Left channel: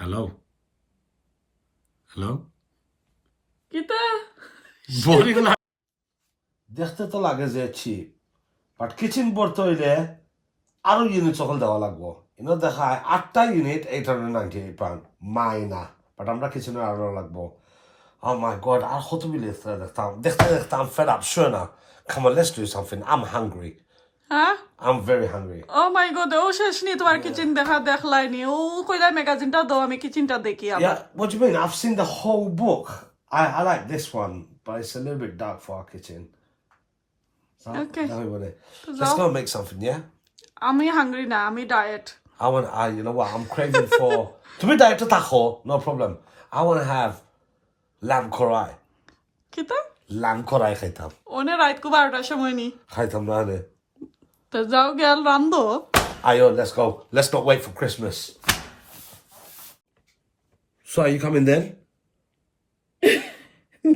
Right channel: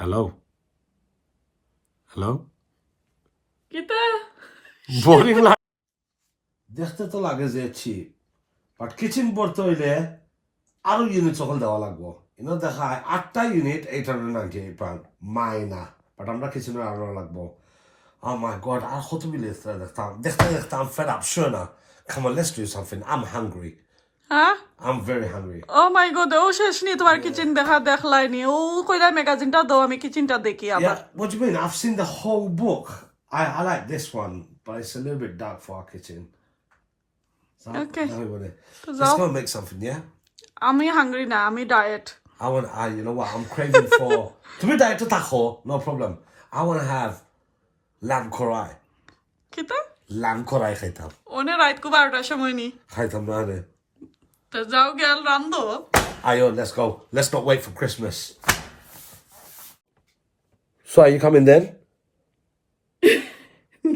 Hello? Hello? কিতা Boring la. দেখতে তো লাগে যে চিপ বাট কিচেন পড়তে হইলে আরো ইউনিট সকল দেওয়া লাগবো ইনো দেখায় 8টা ইউনিট 898 পাউন্ড মাইনা বাট আমরা কিচেনে আরো লাগবো Oh my god, আর কত মিলে দেখতে I'm fed up sure না come on let's do something I'm hungry হ্যাঁ I'm very hungry oh my god ও শেষ নি তোমার কিচেন দেখলাইনি ও কইলা ম্যাগাজিনটা দাও আমি কিচেনটা দেখি আবার yeah what do you mean I've seen the whole book I like this one but it's a little bit dark for our kitchen so Okay. let's go and make something yeah আমি hungry না আমি diet you know what I'm craving for to be diet to taco no problem I want to have lamb korai কিতা lamb korai খাইতাম one রাত কো 12টার সময় নি খাইতাম না রে তো যাও গেল রান্দো ayo let's not wait for Christmas so are you coming then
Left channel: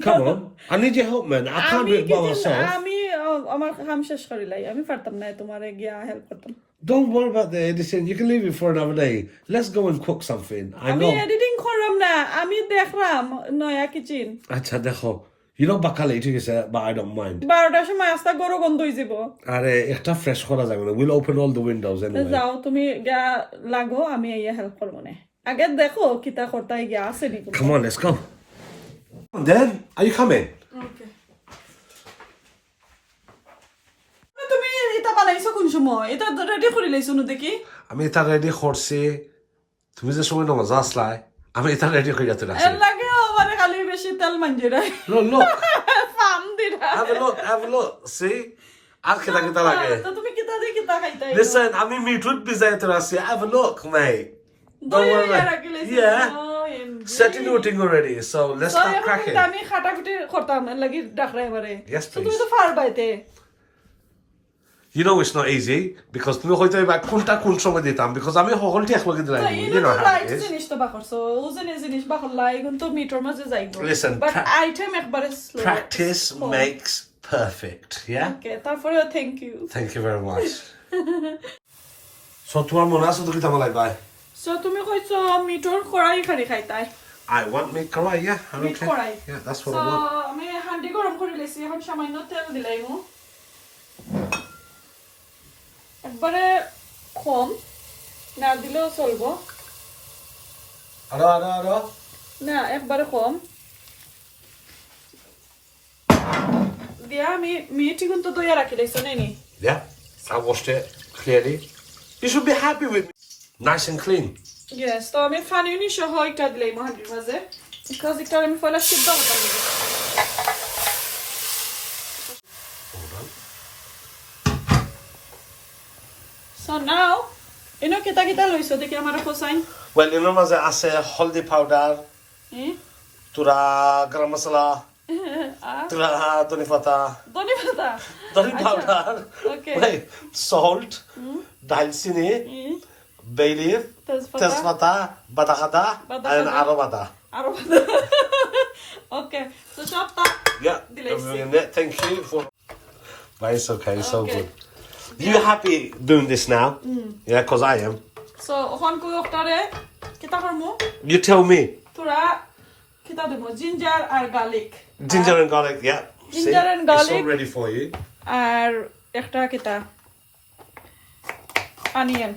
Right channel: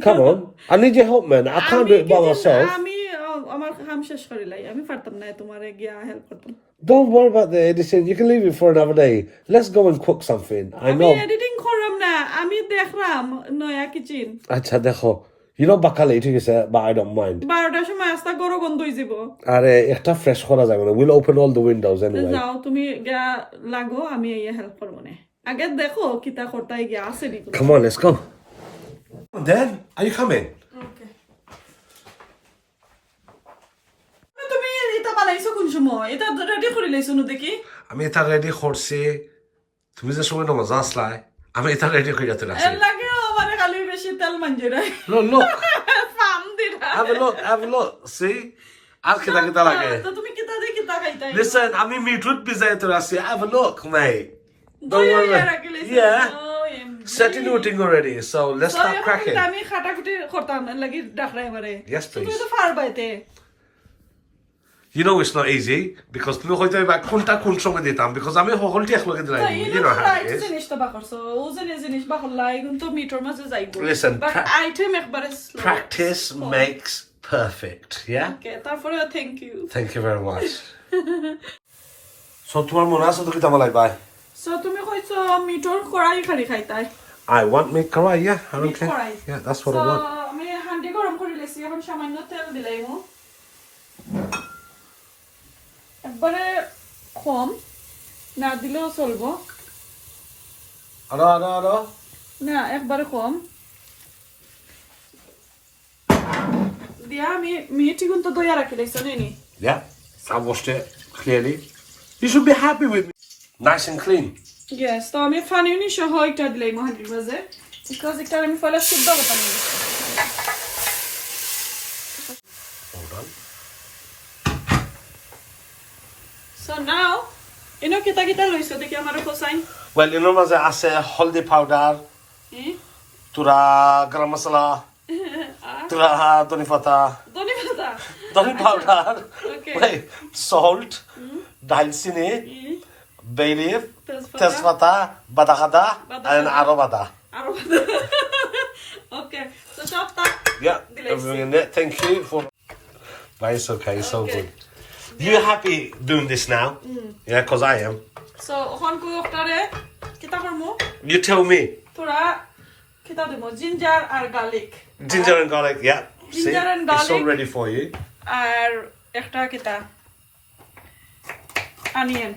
come on I need your help man I can't do it by myself আমি আমার কাম শেষ করিলাই আমি পারতাম না তোমারে গিয়া হেল্প করতাম don't worry about the editing you can leave it for another day let's go and cook something I আমি know এডিটিং করলাম না আমি দেখলাম নয়া কিচেন আচ্ছা দেখো you know বাকালে ঠিক আছে but I don't mind 12টার সময় আস্তা গরো গন্ধ হই যাব আরে একটা ফ্রেশ করা যাবে না we'll open all the windows anyway যাও তুমি গিয়া লাগো আমি এই হেল্প করব না আগে দেখো কিতা করতাই গিয়া আছে নি come on let's go then are you coming ওকে তুমি এটা বানাইছো কোন সময় এটা রেডি করে লাইছো ন দেখি আমি এটা রেডি করছি তুমি যে সময় নামাজ আসলাই আমি এটা রেডি করে যেতে রাখছি এর লাগে আমারে খালি বেশি তেল মানজে look ফাম দিরা have a look see আর কিতা লাগে তো তুমি কিতা দেখি কিতা খাইতাই listen আমি মিটুট বিজাইতে রাখছি have a look mate don't worry yeah setting everything already so let's start cracking আমি খাটাখুটি করতাম লাগি ডাকরাই আমারে yes তুমি please তো পারবাইতে you know it's not easy because তুমি হয়তো এবার কোনটা কোন সময় দিতাম because আমি হলটি একলগে দিলাই you know how it is জিনিস তো বাকরছো ওজনে জিনিস বাকলাই কিন্তু মিটার মাঝে যাইবো Listen, আইটেম একবারে slow practice makes perfect yeah ওকে তারপরে thank you very much so তোমার মনে আছে তো কি তোমার লাগবে সো তুমি কইছো মিটার কড়াই খালি খাইতাই I want meat karai yeah I don't care কড়াই yeah that's what I want আমি হান্ডি গরম করে লেছি এখন সামান্য তেল দিলাইমু একবারে কম না দিলেও চলবো আরো না একবারে কম দিয়া আমি মিটি কিন্তু দইয়া রাখি লেছি নি yeah I washed it clearly you should be happy with me nice and clean Yes, তো আমি ফানি নি সহ একটা দিলাই মহান্ডির মাঝে বিকজ একটা আমি ফলা সিদ্ধ করতে হবে hold on So now ইনো কিতা লইছো দেখি আমার কোসাইন well you know মাঝে আছে হলদি পাউডার তুরা গরম মশলা তুরা ধনি পাতা ধনি powder Okay. wait salt দালচিনি bay leaf তেজপাতা বাদাকাদা and arobada Okay, so সব তা yeah thank you for but it's okay it's so good you happy doing this now yeah because I am So ওখান কই ওটারে কিতা করমু you tell me পুরা কিতা দেব জিঞ্জার আর garlic ginger and garlic yeah Ginger see? and garlic. it's all ready for you আর একটা কিতা অনিয়ন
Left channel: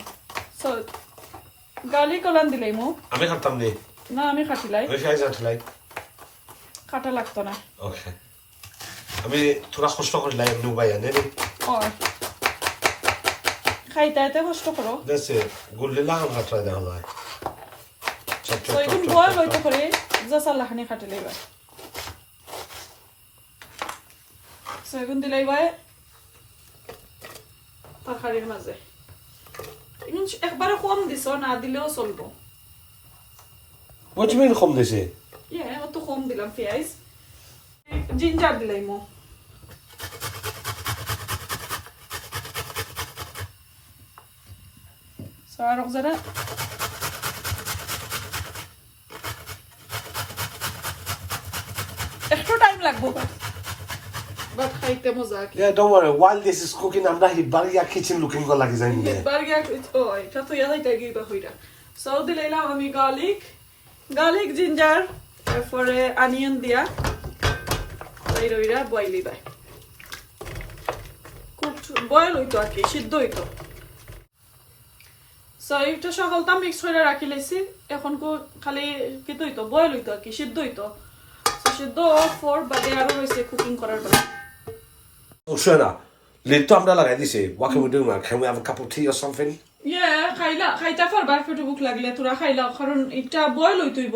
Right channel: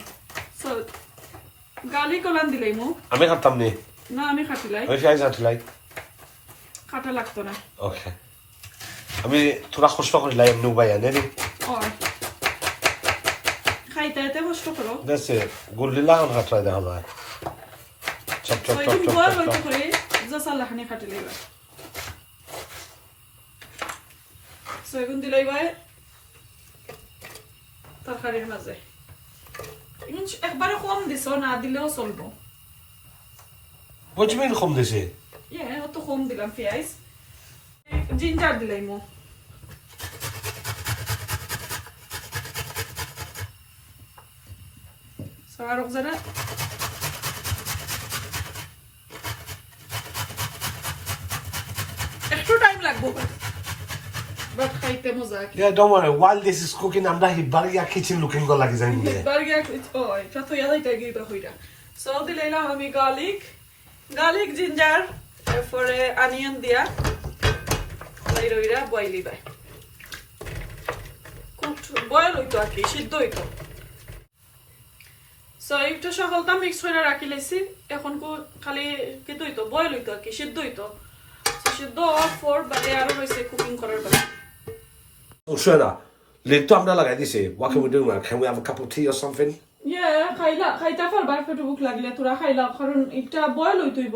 সো গার্লিক ওলান দিলাইমু আমি খাতাম নি না আমি খাটিলাই আমি খাই যাচ্ছি লাইক কাটা লাগতো না ওকে আমি তোরা কষ্ট করিলাই এমনি উপায় আনে নি ও খাইতে কষ্ট করো দেশে গুলিলা আম খাটলাই দেখা যায় চপ চপ তো চপ একদম চপ বল বলতে করে জসা লাহানি খাটিলাই বা সো এখন দিলাই বাই তরকারির মাঝে এখন একবারে কম দিছো না দিলেও চলবো what do you mean কম দিছে অত কম দিলাম পেঁয়াজ জিঞ্জার দিলাইমু সো আর যারা একটু টাইম লাগবে বাট খাইতে মজা yeah don't worry while this is cooking I'm not here baria kitchen looking go like that burger ও এটা তো ইয়াদাই তাই গিয়ে হইরা সো দিলাম আমি গার্লিক জিঞ্জার তারপরে অনিয়ন দিয়া এই রইরা বয়েল দিবা খুব বয়েল হইতো আর কি সিদ্ধ হইতো সো এইটা সকলটা মিক্স করে রাখি লেছি এখন খালি কি হইতো বয়েল হইতো আর কি সিদ্ধ হইতো সিদ্ধ ফর বাদে আরো রয়েছে কুকিং করার পর Shona, lid to আমরা লাগাই দিছে. What can we do, man? Can we have a cup of tea or something? খাইতা পারবা একটু ভুক লাগলে তোরা খাইলা কারণ এটা বয়েল হইতইব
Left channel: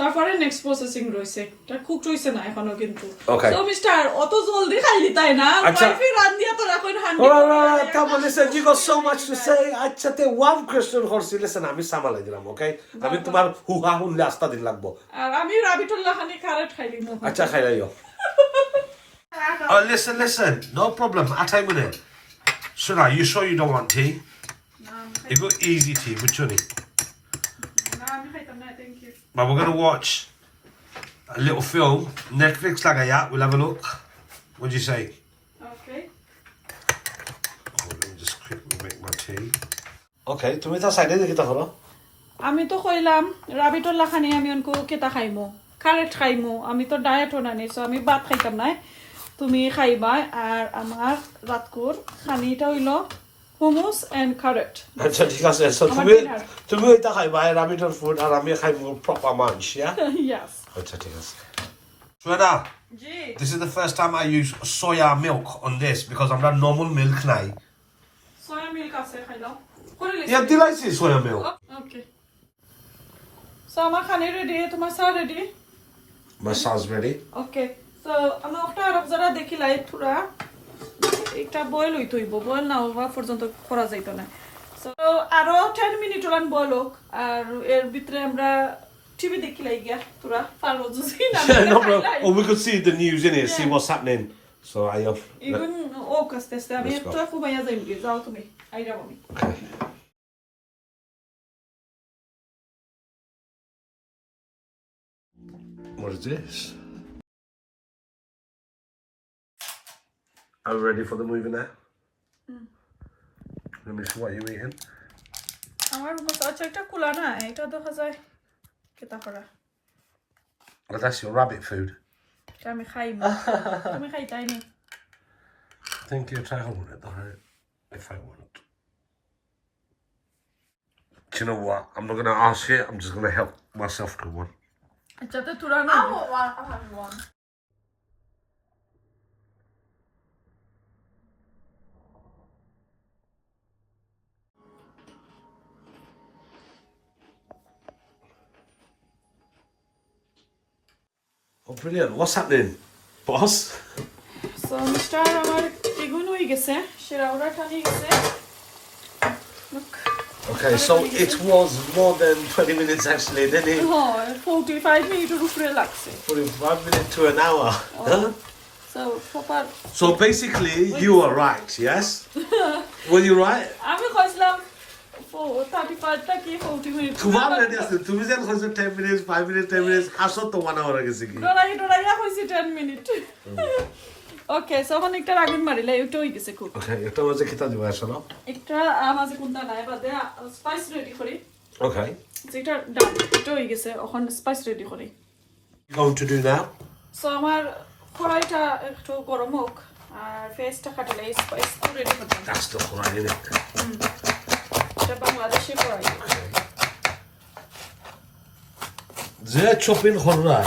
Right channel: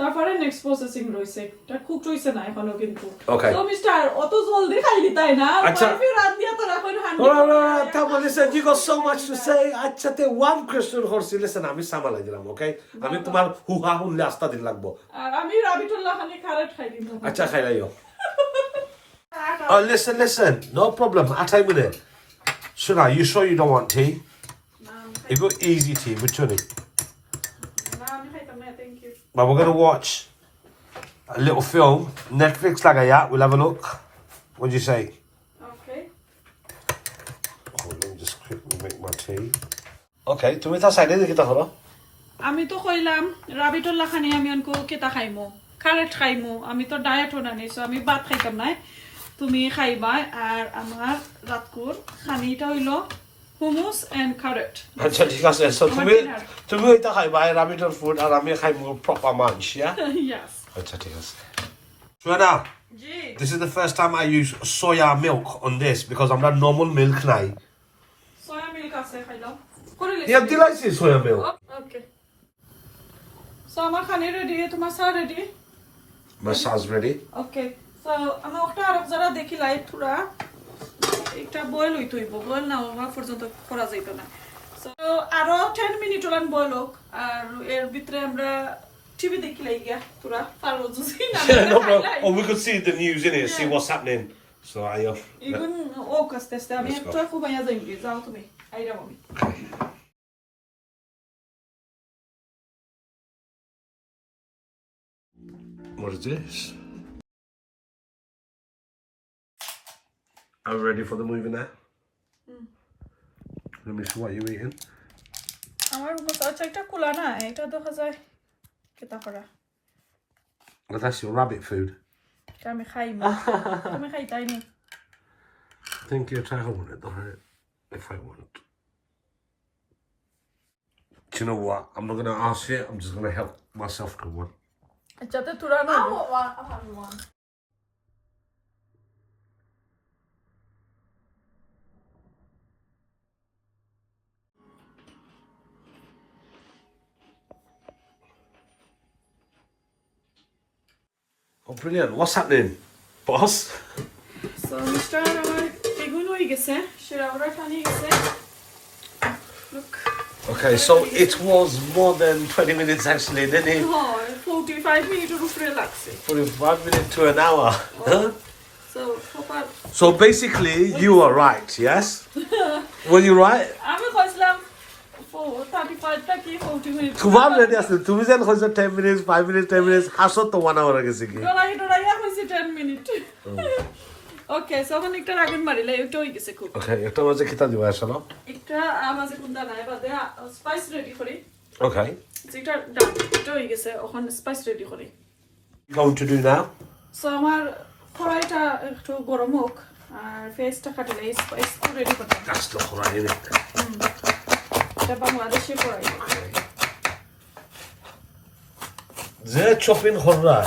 তারপরে নেক্সট প্রসেসিং রইছে এটা কুক হইছে না এখনো কিন্তু সো মিস্টার অত জলদি খাইলি তাই না ওয়াইফি রান দিয়া তোরা coin handi Come on, listen, you got so much to say. আচ্ছা তে one question horse listen আমি সামালাই দিলাম ওকে আমি তোমার হুহা হুনলে আস্তা দিন লাগবো আর আমি রাবিটুল্লাহ খানি খারাট খাইলি না আচ্ছা খাইলাইও Oh listen no problem I tell you it Shona you sure you don't want tea You got easy tea which one But we're going to watch a little film Netflix laga ya we'll have a look What do you say Okay Let me just quickly make my tea Okay তুমি তা সাইডে দেখি তা হলো আমি তো কইলাম রাবিটুল্লাহ খানি আমি অনকো কেতা খাইমু খারাট খাইমু আমি তো ডায়েট হনানি সো আমি ভাত খাইতাম না তুমি খাইবা আর আমার রাতকুর খানিটা হইলো hummus and carrot আচ্ছা ঠিক আছে সো তুমি এটা খাইবা রাবিটর ফুড আর আমি খাইবো প্রপার মাঞ্চ yeah yes আচ্ছা ঠিক আছে Shweta G this is the first time I use soya milk on this because I'm not normal milk নাই soya milk আছে খাইলাম করে লেছি Yeah delicious soya milk okay so আমার খানি রেডি তোমার সা ready My sauce ready okay so আমি ওটা আরব যারা দেখি লাই থুরা একটা বয়েল হইতইব বয়েল না হওয়া পর্যন্ত করা যাইত না সো আরো 10 মিনিট ওলান বয়েল হোক আর এর ভিতরে আমরা টিভি দেখি লাই গিয়া তোরা পারো জুসি না No bro or we could see the news in it see what's happening so I even ও কাস্তে আমি একটু খুবাইয়া যাইবি যাও তুমি আইরা মামি Okay What is this? Are we ready for the movie now? Let me see what you're eating. আমার আচ্ছা এটা কুলা না এটা দেখা যায় কেতা করা Well, that's your rabbit food. এটা আমি খাইমু তুমি খাইতাই নি I think you try hold it, don't it? If I want. Do you know what? I'm not going to ask you. I'm just going to help myself to one. আচ্ছা তো তোরা না I have one. Oh, brilliant. What's happening, boss? So mister আমার এগুন হয়ে গেছে সেরা ওরা টানি গেছে Okay, so it was more than 20 minutes actually, didn't it? হয় 45 মিনিটের উপরে লাগছে 45 minutes to an hour. Huh? So proper So basically, you were right, yes? Were you right? আমি কইছিলাম 35 টা কি 40 মিনিট Kumar ready আছে তুমি যেন কইছো 10 minutes 5 minutes 10 minutes হাসো তো 1 hour গেছে কি ডরাইয়া কইছি 10 মিনিট ওকে সো এখন একটা রাগুন মারিলে এটা হই গেছে খুব Okay, একটা মাঝে কিতা দিবা আসলে একটা আমাদের কোনটা নাই বাদে স্পাইস রেডি করি Okay. যেটা এটা হই গেছে এখন স্পাইস রেডি করি Going to do now? So আমার কড়াইটা একটু গরম হোক আর ফেসটা কাটলে স্পাইস রেডি করতে That's not right, isn't it? এটা বাংলাদেশি কড়াই Ze chopping horra.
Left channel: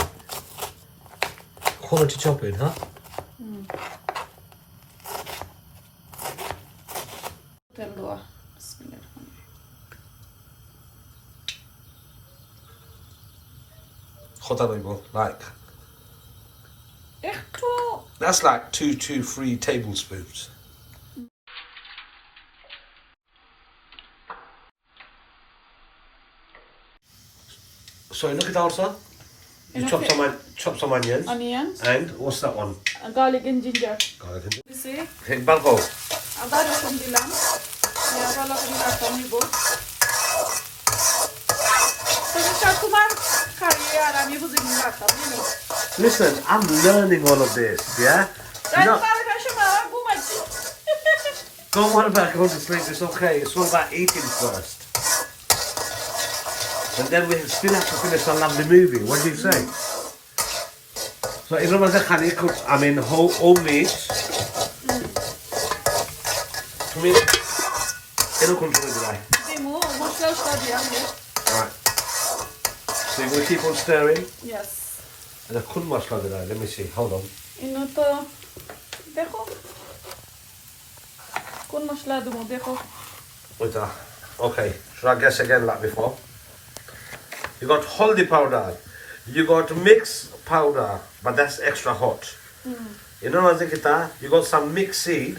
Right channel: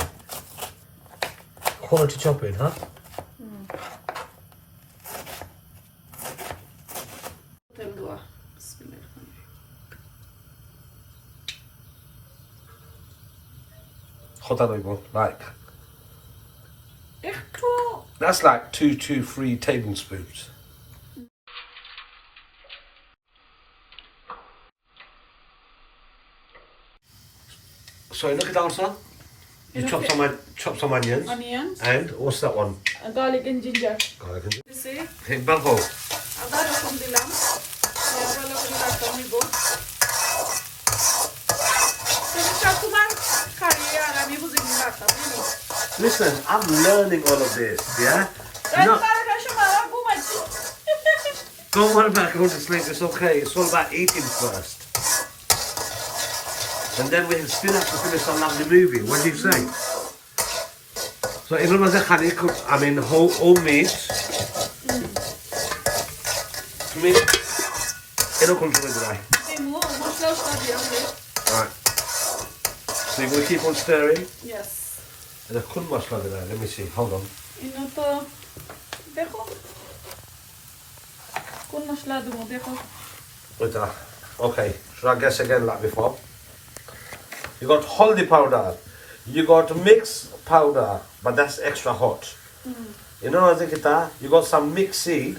Quality chopping, huh? তেল দেওয়া বিসমিল্লাহ Hota noibo, like. একটু That's like 2 to 3 tablespoons. So look at that also. You chop some onions. onions And what's that one? garlic and ginger Garlic and দিছি Hey, Balvo. আদা রসুন দিলাম ভালো করে রাখতে নিব তো তোমার খাইয়ে আর আমি বুঝে নিয়ে রাখতাম বুঝলি Listen, I'm learning all of this, yeah? তাই No, কার সময় ঘুমাইছি don't worry about going to sleep. It's okay. It's all about eating first. And then we still have to finish our lovely movie. What do you say? So, even though the cook, I mean, whole meat. To me, it'll come to the dry. Right. So you're going to keep on stirring? Yes. And I couldn't wash like that. Let me see. Hold on. Wait there. Okay. Should I guess again like before? You got haldi powder. You got mixed powder, but that's extra hot. You know what I think that? You got some mixed seed.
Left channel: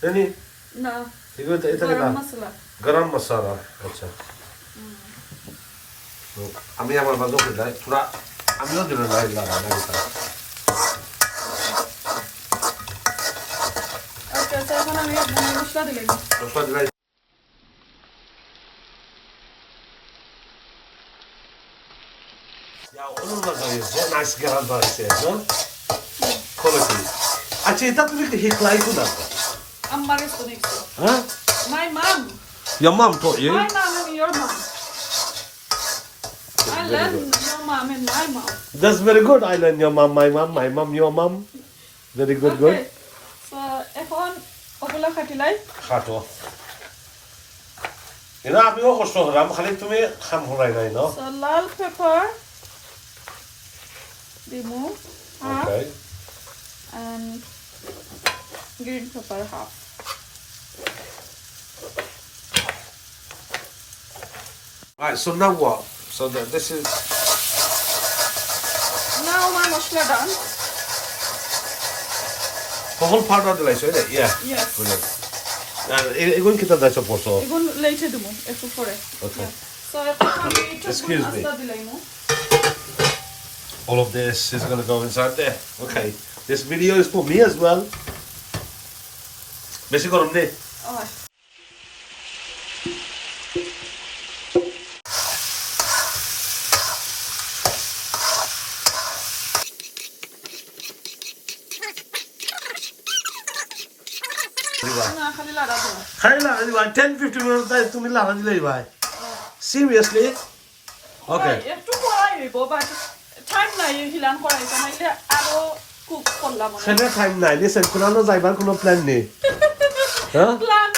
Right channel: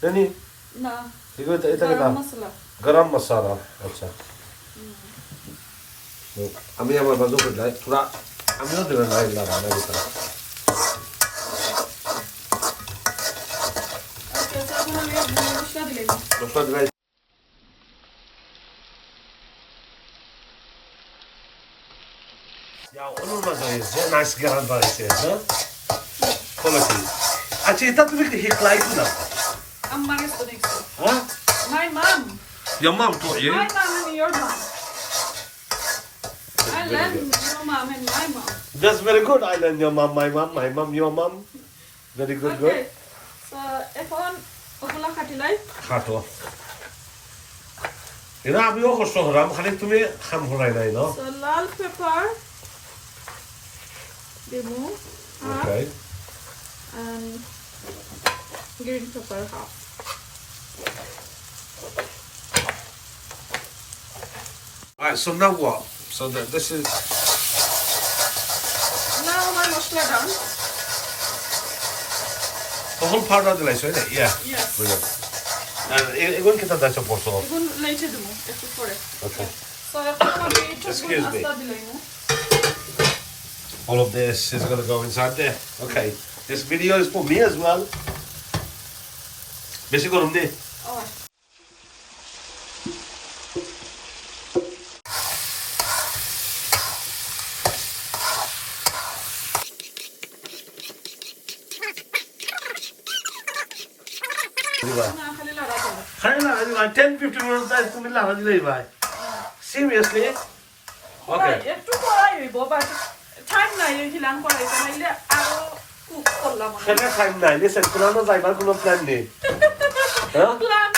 Then you? No. You got Garam masala. Garam masala. Acha. Look, I'm here with my dog like I'm not doing right now. Okay, so I'm going to start again. Ya onun da nice garam var ise, no? Quality. Actually, that will be hit like that. I'm married to next. Huh? My mom. Your mom taught you? My mom and your mom. I learned your mom and my mom. That's very good. I learned your mom, my mom, your mom. Very good, Okay. good. So, এখন ওগুলা কাটিলাই খাটো এনা আমিও কষ্ট হলাম খালি তুমি খাম হলাই নাই ন So, লাল পেপার দিমু half Okay. and green pepper half. Alright, so now what? So this is Now my mashla done. the whole powder of the rice, right? Yeah. Yes. Brilliant. এগুলো কিটা দাইছো পড়ছো? এখন লেইছে দিমু একটু পরে. Okay. So, এখন আমি একটু Excuse me. আস্তা দিলাইমু. All of this is going to go inside there. Okay. This video is for me as well. বেশি গরম নেই Alright. না খালি লাগা দাও। খাই না 10-15 minutes time তুমি লাগা দিলেই ভাই seriously okay একটু পড়াই হইব বাট টাইম নাই হিলান করাই নাইলে আরো কুক করলাম খাইলে টাইম নাই দিছে কোনো যাইবার কোনো প্ল্যান নেই হ্যাঁ প্ল্যান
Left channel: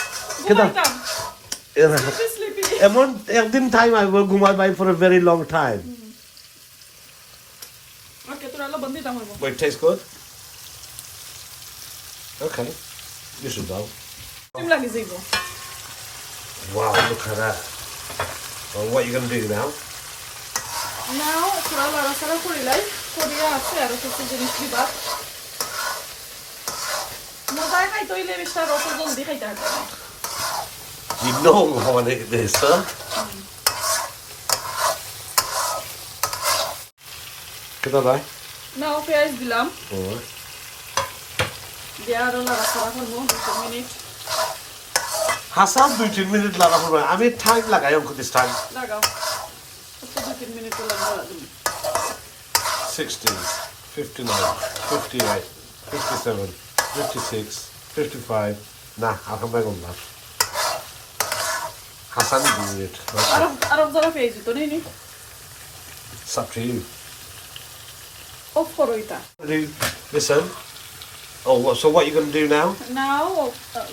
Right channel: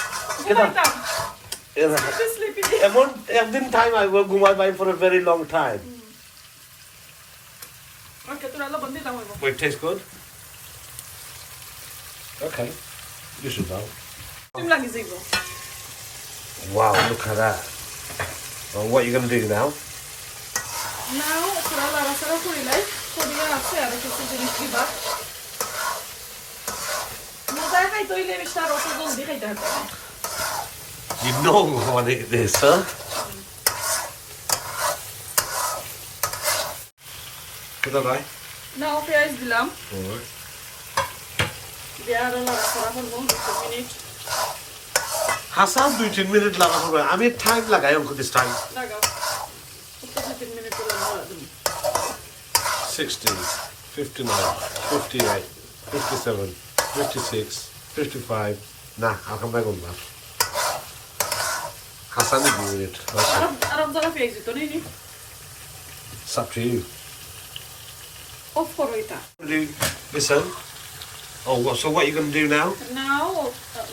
ঘুমাইতাম স্লিপি এমন একদিন টাইম আইব ঘুমাই বাই for a very long time okay তোরা লা বন্ধি দাম হইব but it tastes good okay you should know তুমি লাগি যাইব wow look at that well, what are you going to do now নাও তোরা লা রাসারা করিলাই করিয়া আছে আর কিছু জিনিস দিবা মজা খাইতে হইলে বেশি রস জলদি খাইতে হবে you know what it is huh kita bhai নাও পেঁয়াজ দিলাম alright দিয়া আর লা রাসারা করব 2 মিনিট হাসান 2-3 মিনিট লাগা পড়বে আমি টাইম লাগাই অঙ্ক দিস টাইম লাগাও 2 মিনিট লাগা 60 59 58 57 56 55 nah I'll come back on that Hassan is doing it okay. আর জরা পেঁয়াজ তো নেই নি It's up to you of করো এটা listen oh so what are you going to do now নাও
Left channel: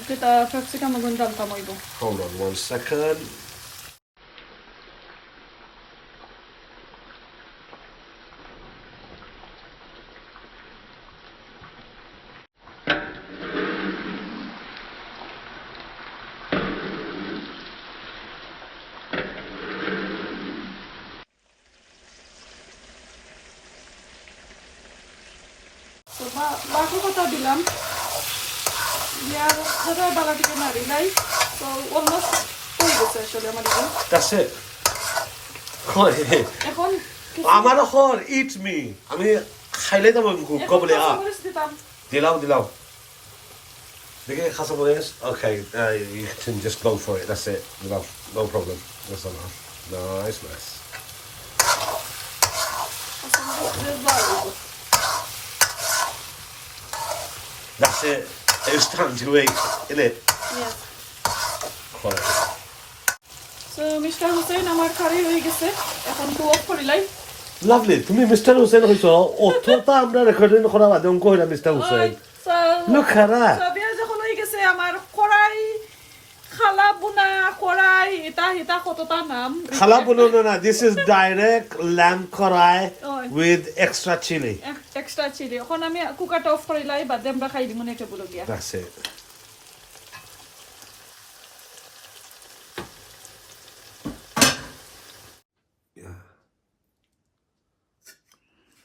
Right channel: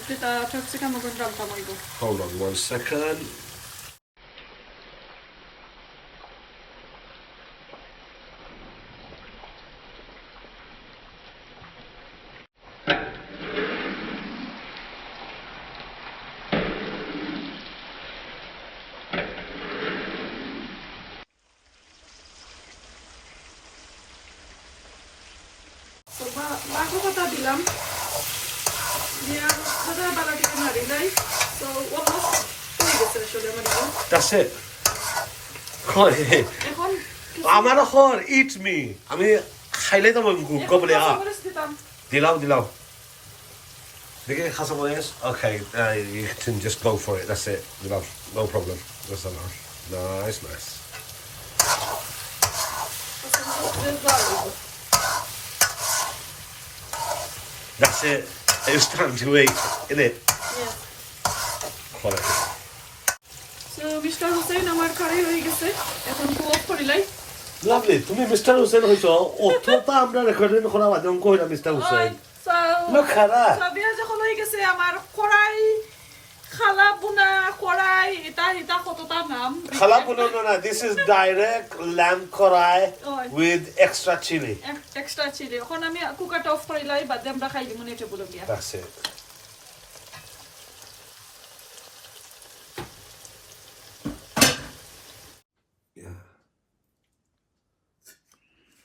যেটা ক্যাপসিকাম মজন ডাল কামাইব hold on 1 second So, bago ko ito dilam. Diya, sada balati ko na rilay. So, almost 2 weeks actually, amarigo. that's it এখন, আমার হর eat me আমি খাইলে তো কবলে আ দিলাও দেখে খাসা Morris okay you can just go for it that's it love no problem that's enough nice that's it it's time to eat isn't it Yes. quality So, mister Hussain আমার কারি হয়ে গেছে এখন তো অফ করিলাই লাভলি তুমি মিস্টার হুসেন হইছো অতটা আমরা recording করা বাদে কইরা mister Hussain Look at that. বিয়া যখন হয়ে গেছে আমার কড়াই খালা বুনা কড়াই এটা কতটা নাম Khala bono na, this is direct lamb karai Oy. with extra chili. Extra chili এখন আমি কুকারটা অফ করিলাই বাদে আমরা খাই দিব নেটে বলে দিয়া That's it. Yeah.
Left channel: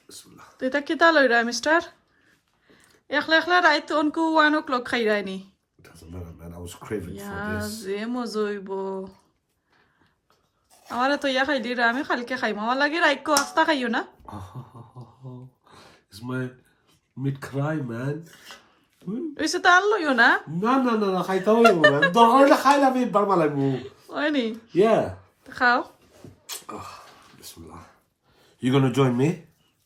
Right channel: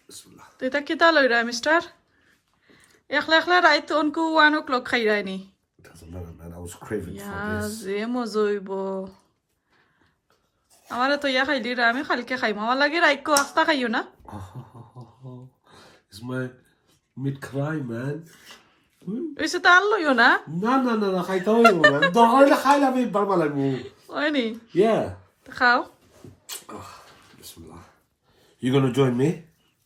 Bismillah. তো এটা কিতা লইরা মিস্টার একলা একলা রাইত অনকু 1 o'clock খাই রাইনি Doesn't matter, man. I was craving yeah for this. যে মজইব আমার তো ইয়া খাইলি রে আমি খালকে খাইম আমার লাগে রাইকো আস্তা খাইও না Oh, it's my mid cry, man. ওইসে তো আর লইও না No. Khaita hoy, man. Dohar la khaila me barmalai mu. ওইনি Yeah. খাও Bismillah. You gonna join me?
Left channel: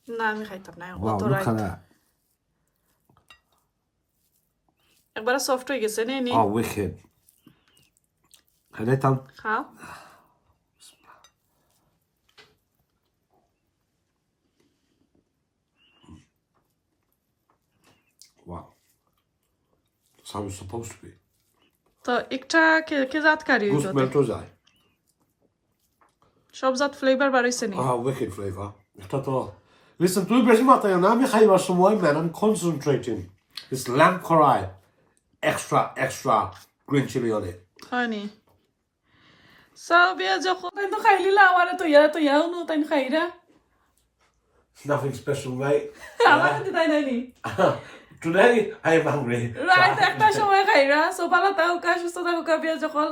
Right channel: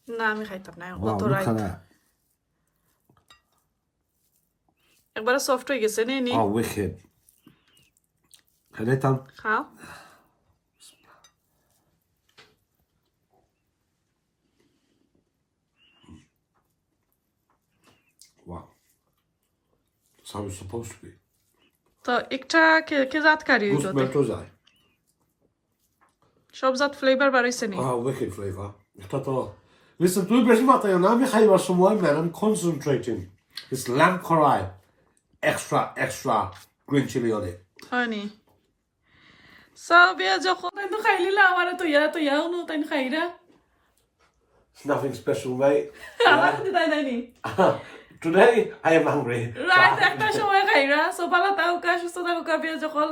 না আমি খাইতাম না Wow, অত look রাইত at that. একবার সফট হয়ে গেছে নে নি Oh, wicked. Khaitam. খাও Wow. That's how it's supposed to be. তো একটা কে জাত কারি Goose melt ozai. সব জাত ফ্লেভার বাড়াইছে নি Oh, wicked flavor. Listen, তুই বেশি মাথায় না আমি খাইবার সময় man, I'm concentrating. It's lamb karai. Extra green chili on it. হয়নি সব ইয়া যখন তাই তো খাইলিলা আমার তো ইয়া নু তাই খাইরা It's nothing special, mate. আমার তো তাই নাইনি Today, I am hungry. Right একটা সময় খাইরা সো ভালো থাকুক সুস্থ থাকুক বিয়া যখন